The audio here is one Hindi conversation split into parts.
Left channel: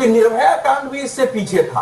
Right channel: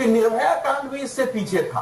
क्योंकि निर्भया कांड भी इससे पीछे था।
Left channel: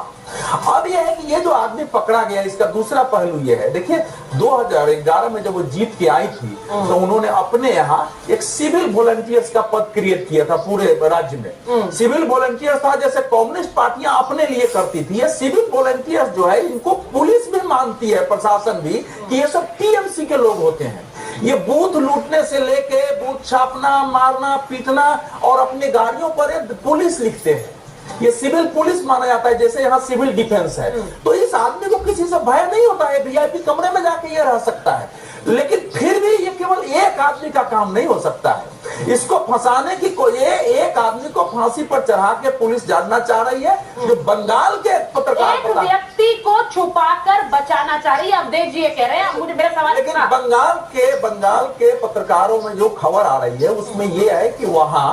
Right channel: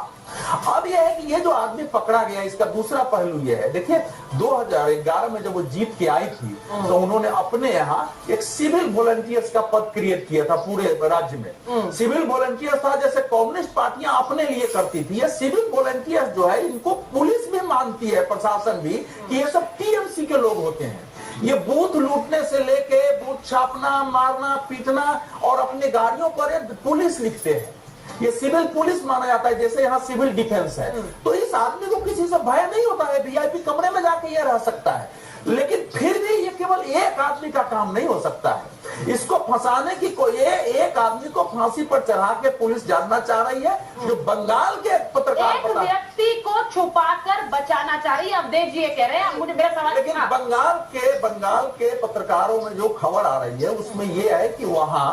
अब यह है कि ये जो आदमी पकड़ा गया, इसका दूसरा पहलू ये है, देखिए 2011 में जब वो जीत के आई थी तो उन्होंने अपने यहाँ एक सिविल वॉलंटियर्स का पद क्रिएट किया था पूरे राज्य में। सिविल वॉलंटियर्स था जैसे कम्युनिस्ट पार्टियां अपने लिए करती थी, ये सिविल वॉलंटियर्स जो है इनको पुलिस भी मानती है, प्रशासन भी, कि ये सब टीएमसी के लोग होते हैं। ये बूथ लूटने से लेके बूथ छापना, मारना, पीटना और अपनी गाड़ियों पर पुलिस लिखते हैं, ये सिविल पुलिस माना जाता है, जैसे यहाँ सिविल डिफेंस है। तो इस आदमी को किसी से भय नहीं होता है, वीआईपी कमरे में जाके ये रह सकता है। लेकिन फिर भी ये केवल एक आदमी का काम नहीं हो सकता है, इसको फंसाने की कोई एक आदमी को फांसी पर चढ़ा के पुलिस जानना चाह रही है, जो बंगाल के पत्रकार एक व्यक्ति को छुपाकर बचाना चाहिए। अवधेश जी ये कह रहे हैं, मुझे मेरा सवाल, लेकिन बंगाल के पत्रकारों में जो खबर आ रही है उसमें यह है कि वहां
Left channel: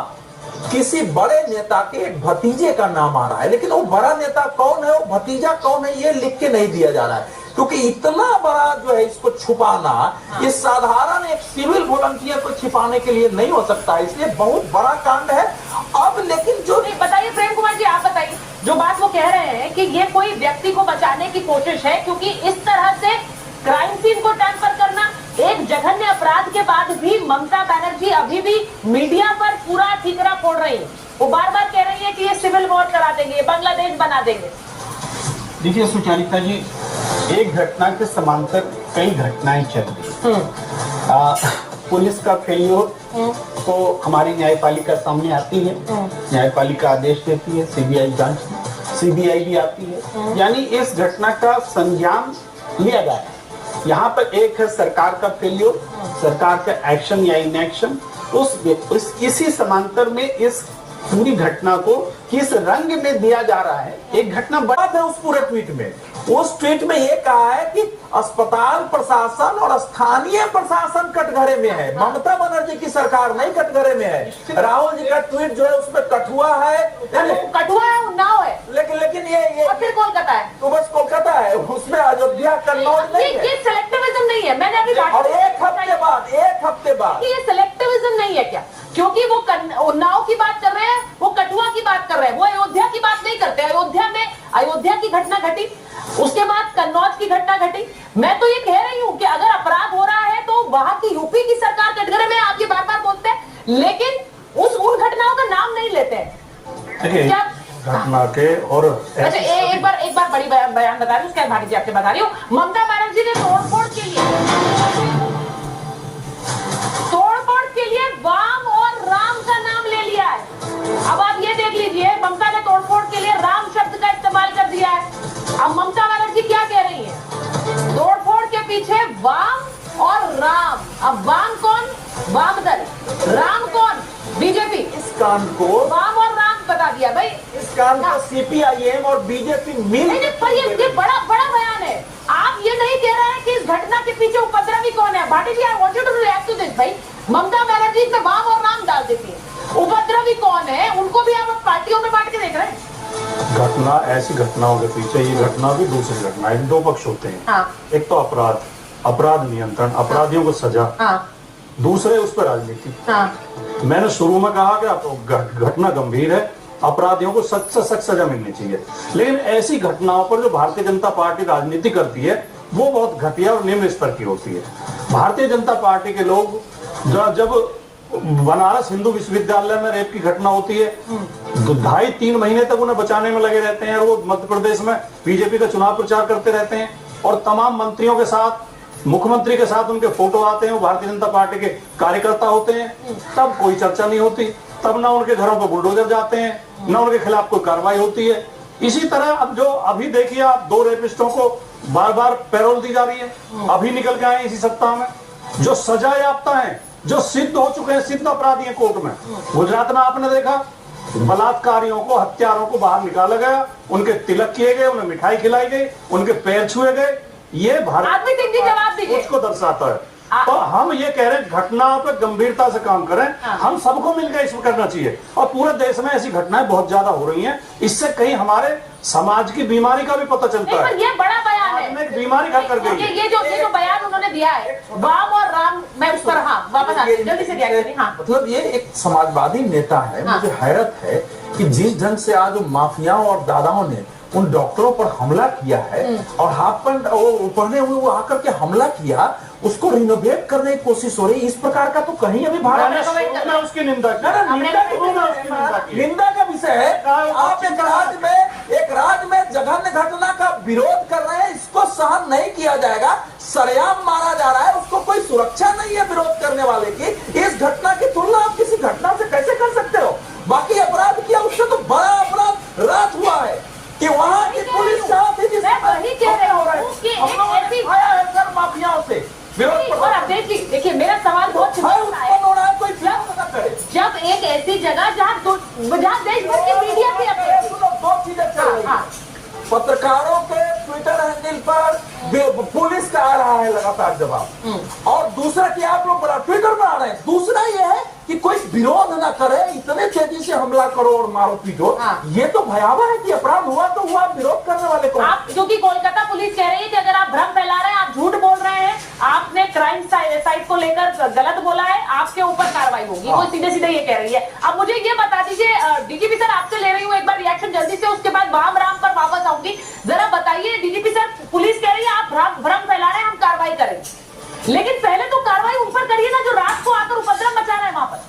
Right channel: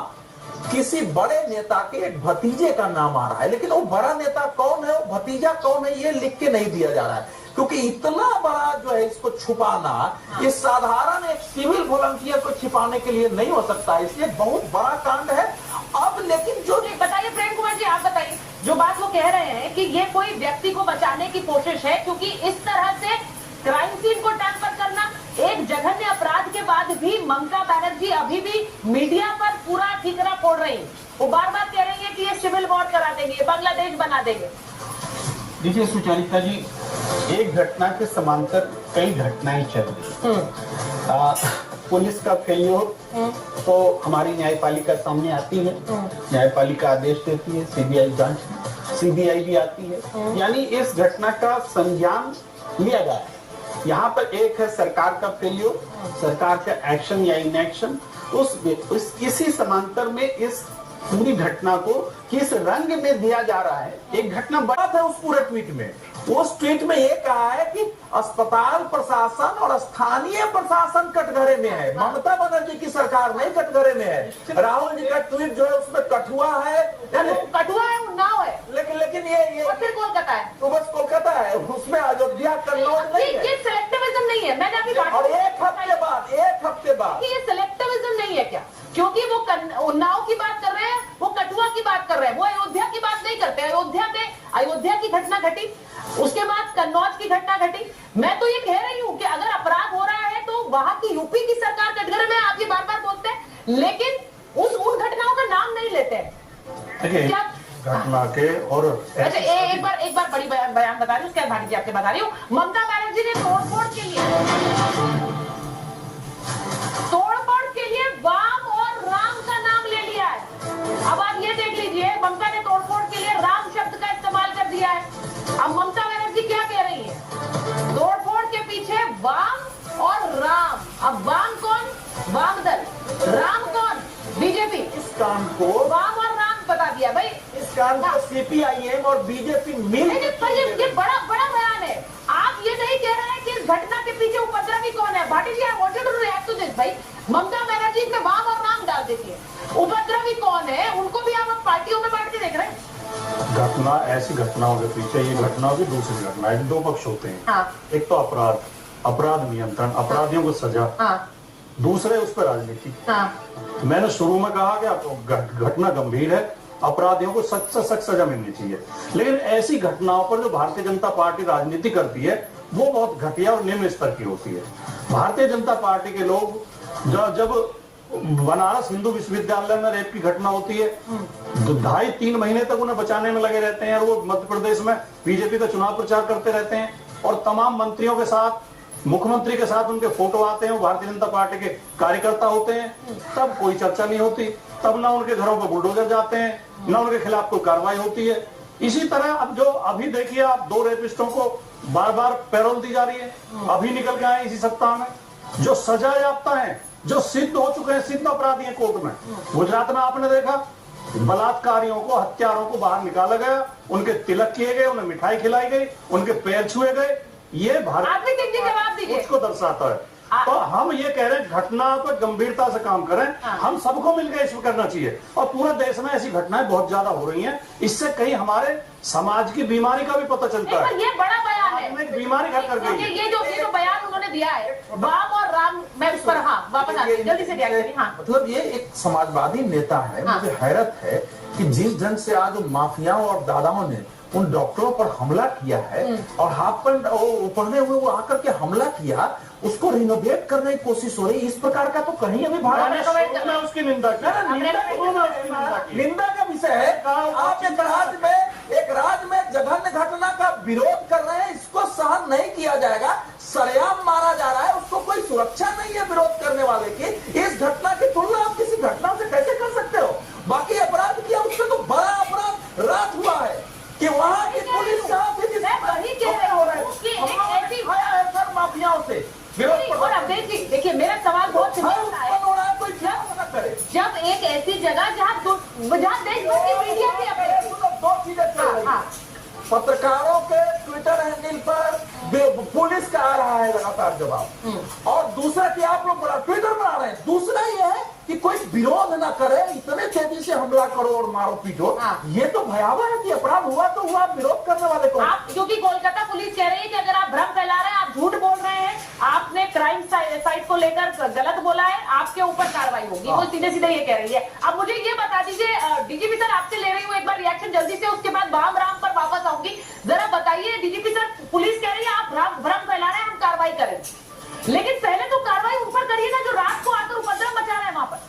किसी बड़े नेता के एक भतीजे का नाम आ रहा है, लेकिन वो बड़ा नेता कौन है, वो भतीजा कौन है, ये लिख के नहीं दिया जा रहा है, क्योंकि इतना बड़ा जो है इसको छुपाना इस साधारण एक सिविल वॉलंटियर को छिपाने के लिए नहीं हो सकता, इसलिए बहुत बड़ा कांड है। अब लेकिन जो बताइए प्रेम कुमार जी, आप बताइए, जो बात वो कह रहे हैं कि ये कोई व्यक्ति को बचाने की कोशिश है, क्योंकि इस तरह से क्राइम सीन को ट्रांसफर करना, एक जघन्य अपराध के बाद भी ममता बनर्जी अभी भी मीडिया पर पूरा ठीकरा फोड़ रही है। वो बार बार कह रही है कि ये सिविल वॉर करा देंगे, बांग्लादेश बना देंगे। देखिए सुचारिता जी, एक घटना के समांतर कई घटनाएं चल रही। पुलिस का फेल्योर तो हमारी न्यायपालिका सामने आती है, न्यायपालिका आदेश देती है, सीबीआई जांच, सीबीआई भी आती है, यानी इस घटना का संज्ञान लिया गया है। यहाँ पर एक है सरकार का फेल्योर, सरकार का एक्शन या इनएक्शन, इसी समांतर में इस पूरी घटना को किस रंग में दिया जा रहा है। एक घटना बड़ा था उस पूरे ट्वीट में, उस ट्वीट में ये कहा है कि अस्पताल प्रशासन और स्थानीय प्रशासन कटघरे में है, ममता बनर्जी की सरकार नहीं कटघरे में है। राहुल जी का ट्वीट जो है उसमें कठुआ है, कठुआ है, उन्नाव है, लेकिन ये और फिर कोलकाता है, तो बस कोलकाता है, उसमें अयोध्या कन्नौज नहीं है। ये सिलेक्टिविज्म नहीं है, मैंने अभी बात, और एक हफ्ते बाद ये सिलेक्टिविज्म नहीं है क्या? क्योंकि वो उन्नाव की बात कर रहे हैं, वो कठुआ की बात कर रहे हैं, वो अयोध्या की बात नहीं करते। अयोध्या में अयोध्या की घटना घटी, उसके बाद कन्नौज की घटना घटी। मैं तो ये कह रही हूँ कि अगर अपराध हो रहा है तो वहां की यूपी की सरकार कटघरे में, आप ये बार बार बोलते हैं, लेकिन उन घटनाओं का नाम नहीं लेते हैं। क्या घटना के और अच्छा, एक बार बड़ी बयान बता रही हूँ, उसके बाद भाटी जी आपसे बता रही हूँ। ममता बनर्जी ने तोड़फोड़ के लिए वाम और राम का नाम ले लिया है। अब आप ये देख लीजिए, ममता ने तोड़फोड़ के लिए राम शब्द का इस्तेमाल कर दिया है। अब ममता बनर्जी क्या कह रही है? तोड़फोड़ के पीछे वाम और राम। अब वाम कौन? वाम दल। राम कौन? बीजेपी। इस कांड को वाम और राम बता दिया भाई। इस कांड को सीपीआईएम और बीजेपी मिल, ये बड़ा बयान है। आप ये नहीं कह रहे हैं कि इस घटना के पीछे उपद्रवी कौन है। Bhati ji, I want you to react to this भाई। ममता बनर्जी पे वाम और राम डाल देती है, उपद्रवी कौन है उनको भी आप पार्टियों में बांट के देख रहे हैं। घटना, ऐसी घटनाओं के पीछे ये घटना भी दूसरी घटना है, दो पक्ष होते हैं। हाँ। एक तो अपराध नियंत्रण, अपराधियों को सजा, दूसरे उस पर राजनीति। मैंने शुरू में कहा कि घटना गंभीर है, अपराधियों को सख्त से सख्त सजा मिलनी चाहिए, लेकिन ऐसी घटनाओं पर जो भारतीय जनता पार्टी राजनीति करती है वो बहुत घटिया और निम्न स्तर की होती है। भारतीय जनता पार्टी के लोग जब बनारस हिंदू विश्वविद्यालय में रेप की घटना होती है, 2.5-3 महीने तक उन्हें बचाने में लगे रहते हैं, और वो मध्य प्रदेश में बीजेपी का चुनाव प्रचार करते रहते हैं, और तमाम मंत्रियों के साथ, मुख्यमंत्री के साथ उनके फोटो आते हैं, वो भारतीय जनता पार्टी के कार्यकर्ता होते हैं, तब कोई चर्चा नहीं होती, तब ना उनके घरों पर बुलडोजर जाते हैं, ना उनके खिलाफ कोई कार्रवाई होती है। इसी तरह अब जो अभी देखिए आप, 2 रेपिस्टों को बार बार पैरोल दी जा रही है, अभी निकल के आए इसी सप्ताह में, जो सजा याफ्ता है, जो सिद्ध हो चुके हैं, सिद्ध अपराधी हैं कोर्ट में। गुजरात में आपने देखा, बलात्कारियों को, हत्यारों को बाहर निकाला गया, उनके तिलक किए गए, उन्हें मिठाई खिलाई गई, उनके पैर छुए गए। ये भारत को दर्शाता है। तो हम ये कह रहे हैं घटनाओं पर गंभीरता से काम करें, हम सबको मिलकर इसमें करना चाहिए, और पूरे देश में ऐसी घटनाएं बहुत ज्यादा हो रही हैं, इससे कहीं हमारे समाज की बीमारी का भी पता चलता है। ये बड़ा बयान है। में एक बीमारी घर कर गई है। ये जो बयान उन्होंने दिया है वाम और राम, मैं उस पर हाँ वापस आती हूं, जल्दी से क्या करें। हाँ मतलब ये एक समाजवादी नेता है। मुझे हैरत है कि जिस ढंग से आज माफियाओं और दादाओं ने उन डॉक्टरों पर हमला किया है और हाफ पैंट पहने हुए वो आकर के हमला किया, उसको रिनोवेट करने की कोशिश हो रही है। इस प्रकार का तो कहीं अभी भारत मैंने उसकी निंदा की। निंदा का विषय है। आप एक राज्य में जघन्य घटना का विरोध कर रहे हैं, इसको सहन नहीं किया जाएगा। सरेआम मारा जा रहा है, उसको कोई सुरक्षा नहीं है विरोध करने वाले की। इस घटना की तुलना आप किसी घटना से कैसे कर सकते हो? बाकी अपराध किया, उससे तो बड़ा अपराध रात हुआ है कि वहां की पुलिस कहां थी जिससे वही कह रही हूं कि सर माफियाओं से विरोध और अब देखिए मेरा सवाल बहुत उत्पन्न हो रहा है, कोई क्या न करे। जब एक ऐसी जगह जहाँ देश भर की मीडिया भी अपने बहुत चीजें चल रही हैं। पत्रकारों के ट्विटर हैंडल पर पुलिस का आ रहा है लगातार जवाब, और दूसरा कि आप लोग ट्विटर पर आ रहे हैं। दूसरा ये है कि कोई विरोध ना करे, इतने तेजी से हमला करो और मारो पीटो। ये तो भयावह है कि अपराध हुआ तो हुआ, विरोध करने वाले को। आप क्योंकि कोलकाता पुलिस कह रही है कि अगर आप भ्रम फैला रहे हैं, आप झूठ बोल रहे हैं, आपने क्राइम साइट को लेकर गलत बोला है, आपके ऊपर कार्रवाई होगी। वो सीधे सीधे ये कह रही है। अब मुझे ये बता दीजिए डीजीपी सर, आपसे ले रही हूँ एक बार रिएक्शन जल्दी से, उसके बाद वाम राम पर वापस आऊंगी। जरा बताइए डीजीपी सर, पुलिस कह रही है आप भ्रम फैला रहे हैं, हम कार्रवाई करेंगे, लेकिन पहले तो कार्रवाई उन पर करिए ना जो रात को आकर उपद्रव मचा रहे हैं वहां पर।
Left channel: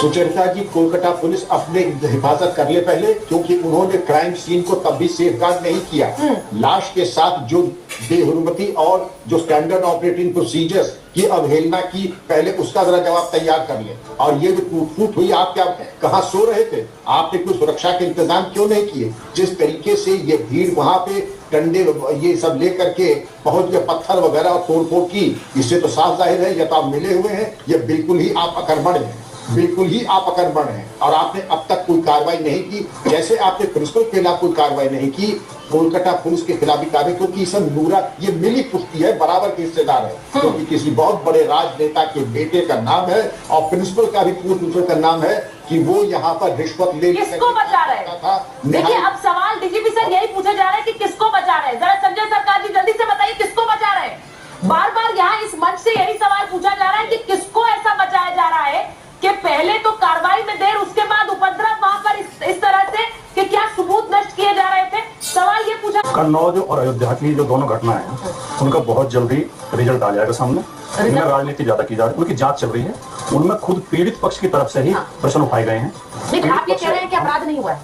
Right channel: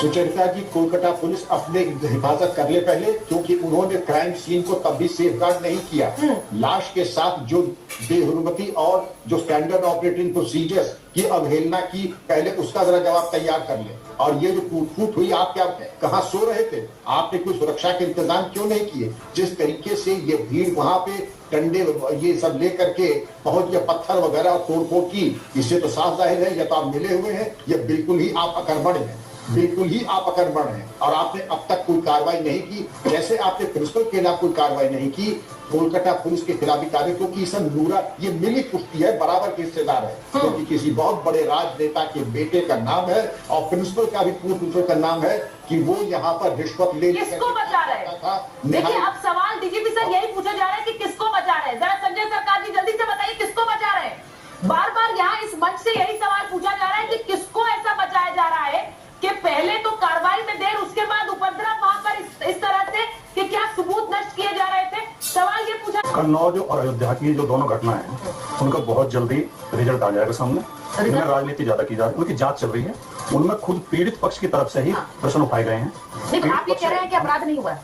सुचरिता जी, कोलकाता पुलिस अपने हिफाजत कर ले पहले, क्योंकि उन्होंने क्राइम सीन को तब भी सेफगार्ड नहीं किया। लाश के साथ जो बेहुरमती और जो स्टैंडर्ड ऑपरेटिंग प्रोसीजर्स की अवहेलना की, पहले उसका जरा जवाब तैयार कर ले। और ये जो टूट फूट हुई, आप क्या कहाँ सो रहे थे? आपने कोई सुरक्षा के इंतजाम क्यों नहीं किए? जिस तरीके से ये भीड़ वहां पे डंडे ये सब लेकर के पहुंच गए, पत्थर वगैरह तोड़फोड़ की, इससे तो साफ जाहिर है या तो आप मिले हुए हैं या बिल्कुल ही आप अकर्मण हैं, बिल्कुल ही आप अकर्मण हैं। और आपने अब तक कोई कार्रवाई नहीं की, जैसे आपने प्रिंसिपल के खिलाफ कोई कार्रवाई नहीं की, कोलकाता पुलिस के खिलाफ भी कार्रवाई, क्योंकि सब नूरा ये मिली पुष्टि है, बराबर के हिस्सेदार है, क्योंकि किसी बहुत बड़े राजनेता के बेटे का नाम है और प्रिंसिपल का भी पूर्व प्रिंसिपल का नाम है कि वो यहाँ पर रिश्वत ले किसको बचा रहे हैं? देखिए अब सवाल डीजीपी सर यही पूछा जा रहा है कि किसको बचा रहे हैं। जरा संजय सरकार जी जल्दी से बताइए किसको बचा रहे हैं। बार बार यहाँ इस मंच से यही सवाल पूछा जा रहा है कि किसको ऐसा बचाया जा रहा है कि पहले तो कार्रवाई में देर, उसके बाद उपद्रव वहां पर इस तरह से कि क्या सबूत नष्ट किए जा रहे थे। सवाल ये पूछा। कन्नौज और अयोध्या की जो दोनों घटनाएं हैं, उनका बहुत जल्दी रिजल्ट आ जाएगा सामने। इनमें राजनीति ज्यादा की जा रही है, उनकी जांच चल रही है। उनमें खुद पीड़ित पक्ष की तरफ से ही प्रश्न उठाए गए हैं। लेकिन आप ये कह रहे हैं कि अपराध नहीं हुआ है।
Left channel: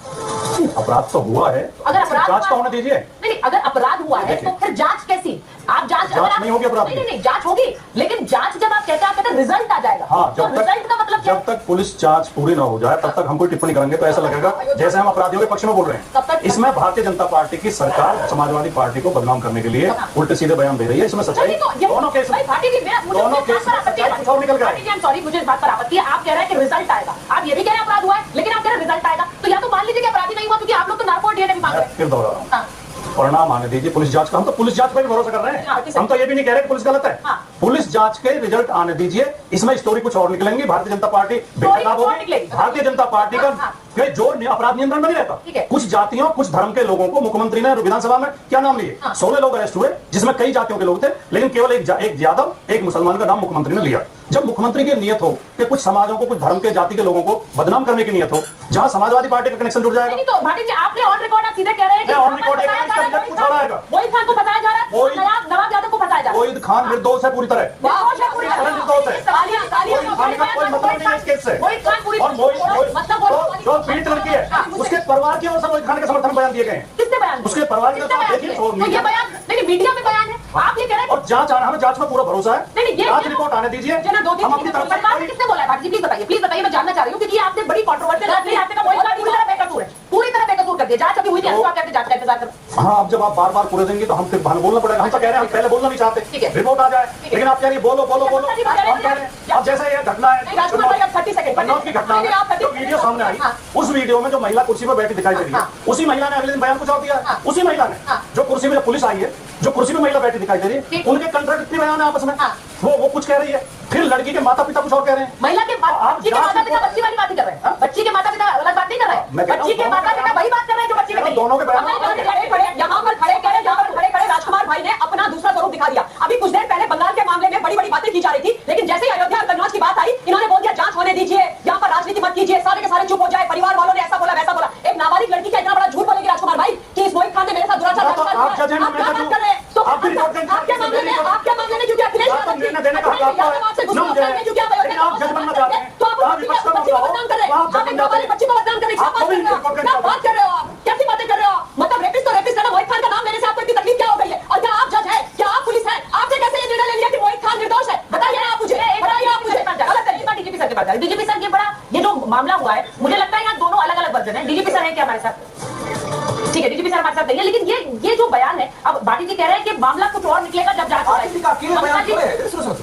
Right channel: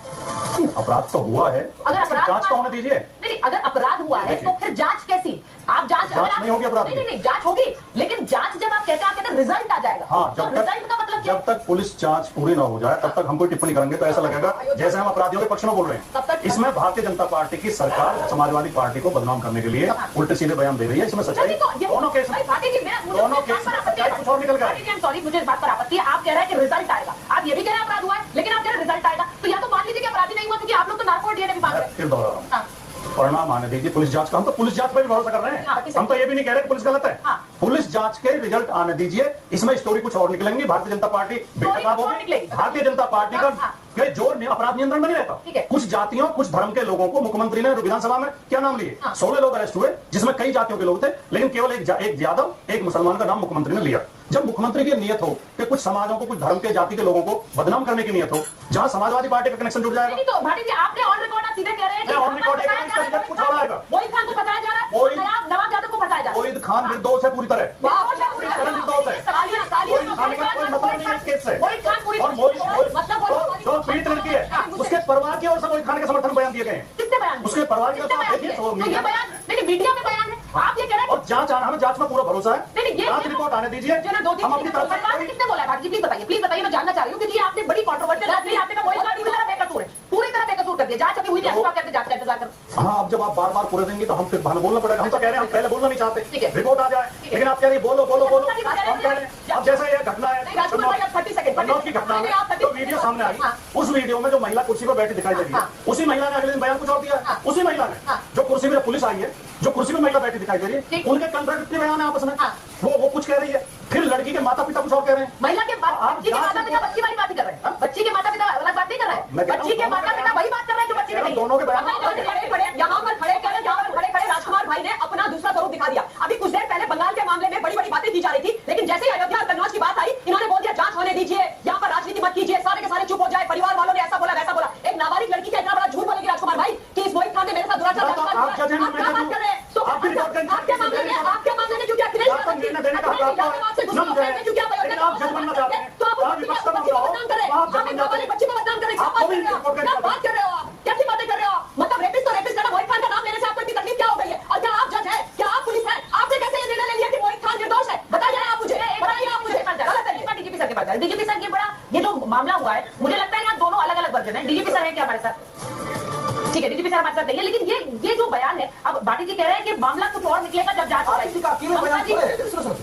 अपराध तो हुआ है, अगर अपराध जांच तो होने दीजिए। नहीं, अगर अपराध हुआ है तो फिर जांच कैसी? आप जांच नहीं होगी अपराध। नहीं, जांच होगी, लेकिन जांच जब आप कहते हैं रिजल्ट आ जाएगा। हाँ, तो रिजल्ट का मतलब जब तक पुलिस जांच पूरी ना हो जाए तब तक हम कोई टिप्पणी करेंगे तो ऐसा लगेगा जैसे हम अपराधियों के पक्ष में बोल रहे हैं। इसमें भारतीय जनता पार्टी की सरकार समाजवादी पार्टी को बदनाम करने के लिए उल्टे सीधे बयान दे रही है। इसमें सच्चाई दोनों केस दोनों केस निकल गए। सॉरी, मुझे इस बात पर आपत्ति है। आप कह रहे हैं कि रिजल्ट आएगा, आप ये भी कह रहे हैं अपराध हुआ है, लेकिन आप कह रहे हैं रिजल्ट आएगा। तो या तो मान लीजिए कि अपराधी नहीं हुआ, क्योंकि आप लोग तो नार्को डीएनए भी मांग रहे हैं। फिर दोहरा रहा हूं, परिणाम आने दीजिए पुलिस जांच का। हम तो पुलिस जांच पर भी भरोसा कर रहे हैं। हम तो ये भी नहीं कह रहे कि पुलिस गलत है। पुलिस जांच के रिजल्ट आने दीजिए। इसमें स्टोरी कुछ और निकलेंगे। भारतीय जनता पार्टी बेखराब होगी। भारतीय जनता पार्टी का जो अपराध नियंत्रण में नहीं रहता। कुछ जातियों, कुछ धर्म के लोगों को मुख्यमंत्री ने विधानसभा में क्या नाम लिए? 16 लोग अरेस्ट हुए, जिसमें कई जातियों के लोग थे, लेकिन केवल एक यादव, एक मुसलमान का नाम मुख्यमंत्री ने लिया। जब मुख्यमंत्री की नियत हो कि कुछ समाजों को, कुछ धर्म के, जाति के लोगों को बदनाम करने की नियत हो, जहां समाजवादी पार्टी का कनेक्शन जुड़ जाएगा। तो भाटी जी, आपने ऑन रिकॉर्ड सीधे कह रहे हैं कि ऑन रिकॉर्ड कुछ हो रहा है। वही खान को बताया जा रहा है, नवाब यादव को बताया जा रहा है। वहीद खान निर्दोष है पूरी तरह। निर्दोष है। खान का कोई मतलब नहीं है इस केस से। जो पीड़ित लड़की है उसके परिवार की ओर से वहीद खान के समर्थन बयान दिए गए हैं। किसने बयान? उसके परिवार की ओर से देखिए, ये बयान नहीं, मीडिया में बयान है। आप ये कह रहे हैं और जांच आना, हमें जांच में पूरा भरोसा है। जांच रिपोर्ट आने दीजिए। हम अपनी तरफ से किसने बोला है? भाटी जी प्लीज बताइए, मैं जानना चाह रही हूँ, क्योंकि आपने बड़ी कंट्रोवर्सी पूरी तरह बेकसूर कर दिया। जांच अभी हुई नहीं, आप कहते जांच का इंतजार करो। हाँ, अब जब आप बार बार पूरे देंगे तो हम फिर बोलना पड़ेगा। हम तो कह रहे हैं, हम पहले बोलना नहीं चाहते, रिपोर्ट आ जाए, लेकिन आप कह रही बोलो। हम कह रहे हैं अब जैसे ये घटना है कन्नौज की घटना में जो वीडियो सामने आई, उस वीडियो में जो महिला कुर्सी पर बैठी दिखाई दे रही है, उसी महिला ने अगले दिन बयान कुछ और दिया। उसी महिला ने जो कुर्सी में पुलिस आई है, जो कुर्सी में महिला बैठी दिखाई दे रही है, उनके कंट्राडिक्टरी बयान है आपस में। वो कुछ कह रही है, फिर लड़की के माता पिता कुछ और कह रहे हैं। महिला के बच्ची के माता पिता बच्ची वाली बात ही कर रहे हैं। बच्ची के माता पिता अलग बात नहीं कर रहे हैं। बच्ची के माता पिता वही बात कर रहे हैं जो बच्ची के। दोनों के बयान यहाँ पर खड़े क्या बात कर रहे हो आप? कैसी बातें कर रहे हो आप? मतलब रेपिस्ट तो रेपिस्ट है ना, मोहित खान का नाम लेने से आपको इतनी तकलीफ क्या हो गई है? और क्या आप जज है? क्या आप पुलिस है? आपने कैसे ये निर्णय ले लिया कि मोहित खान निर्दोष है? बताइए ना आप मुझे, बताइए आप मुझे। डीजीपी सर के पास डीजीपी सर ये बड़ा, ये जो मामला हुआ है, मुझे लगता है यहाँ दोनों अलग अलग वर्जन है। डीजीपी सर है क्या हमारे साथ? ठीक है, डीजीपी सर हमारे साथ नहीं है, लेकिन ये जो बयान है, अब भाटी जी कह रहे हैं कि मामला कुछ और निकलेगा जब जांच भाटी जी का अकेले बयान तो है।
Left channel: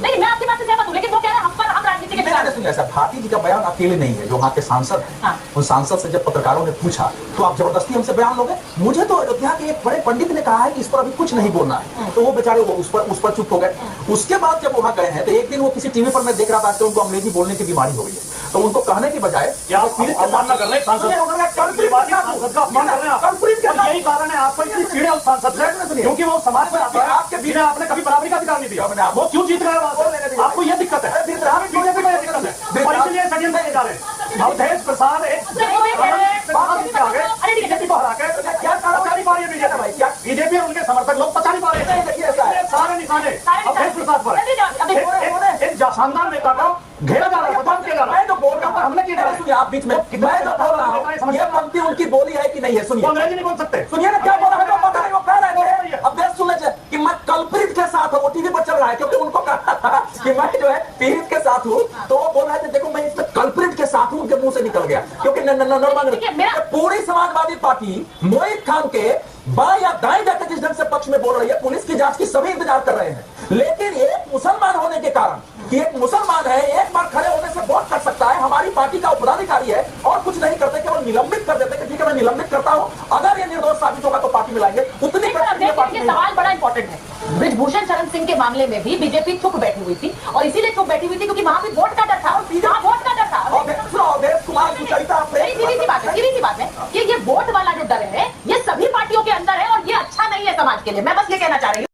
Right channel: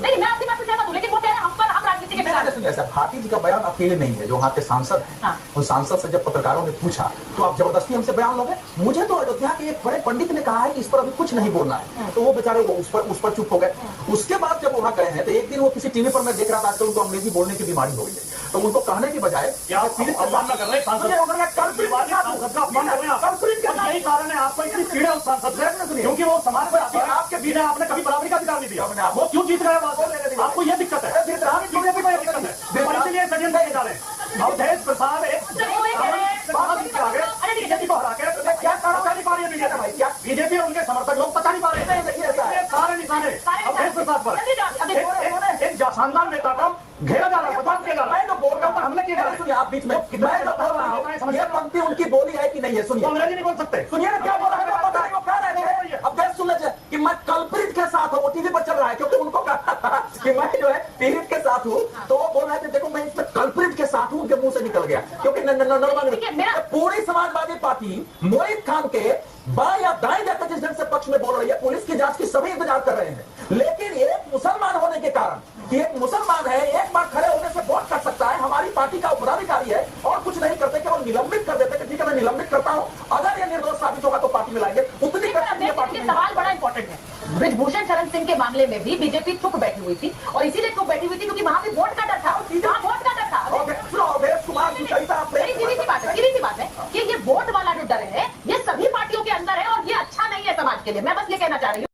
नहीं, मैं आपकी बात से सहमत हूं, लेकिन वो कह रहे हैं हम राजनीति के खिलाफ। सुनिए सर, भाटी जी का बयान अकेले नहीं है, जो वहाँ के सांसद हैं, उन सांसद से जब पत्रकारों ने पूछा तो आप जबरदस्ती हमसे बयान लोगे? मुझे तो अयोध्या के एक बड़े पंडित ने कहा है कि इस पर अभी कुछ नहीं बोलना है, तो वो बेचारे उस पर चुप हो गए। उसके बाद जब वहाँ गए हैं तो एक दिन वो किसी टीवी पर मैं देख रहा था कि उनको अंग्रेजी बोलने की बीमारी हो गई है, तो उनको कहने की बजाय अवमानना कर रहे हैं सांसद का अपमान कर रहे हैं आप। यही कारण है आपको इतनी चिड़िया उस सांसद से, क्योंकि वो समाज में आपके बीच में आपने कभी बराबरी का अधिकार नहीं दिया। वो क्यों जीत रहे हैं वहां से? आपको ये दिक्कत है, बीजेपी में दिक्कत है, तो इसीलिए सचिन नहीं जा रहे। अवधेश प्रसाद एक बीजेपी और उनके समर्थक लोग पता नहीं पा रहे हैं, सारे निशाने अवधेश प्रसाद पर। एक शानदार नेता को घेरा जा रहा है, बदनाम किया जा रहा है, जो बोर्ड का ऊपर हमले किए जा रहे हैं। सुनिए, आप बीच में मैं जो बोल रहा हूँ ये पंक्ति उनकी बोली है कि नहीं है? सुनिए, अंग्रेजी नहीं बोल सकते। सुनिए ना क्या बोल रहा है, वो कह रहे हैं अब देश सुनने चाहिए कि मैं कल्प्रिट के साथ हूँ, वो टीवी पर चल रहा है, क्योंकि उनको कहा था कि मैं जो है पीड़ित के साथ हूँ, तो वो बोल रहे थे देखो मैं इसमें कल्प्रिट के साथ हूँ, उनके मुंह से निकल गया, क्योंकि पूरी समाजवादी पार्टी मोहित खान के बाएं या दाएं जाकर जिस ढंग से पक्ष में बोल रही है, पुलिस की जांच की सभी इंतजार कर रहे हैं, लेकिन एक मुसलमान होने के कारण कि एक मुसलमान है, एक बार खड़े होने से वोट कर सकता है, हमारी पार्टी का पदाधिकारी है और कुछ नहीं करते, केवल निलंबित कर देते कि ठीक है मैं निलंबित करता हूं, अगर ये निर्दोष साबित होगा तो पार्टी में लाएंगे। उतनी सवाल बड़ा इंपॉर्टेंट है। ब्रिजभूषण शरण सिंह के मामले में भी बीजेपी चुप बैठी हुई थी, और इसीलिए चुप बैठी हुई थी क्योंकि वहां भी वोट का डर था, वोट का डर था। अवधेश कुमार सुचरिता सीधी सी बात है कि ये वोट वाला जो डर है ये सभी पार्टियों के अंदर है, और ये अच्छा नहीं है समाज के लिए। मैं बस ये कहना चाह रही हूँ।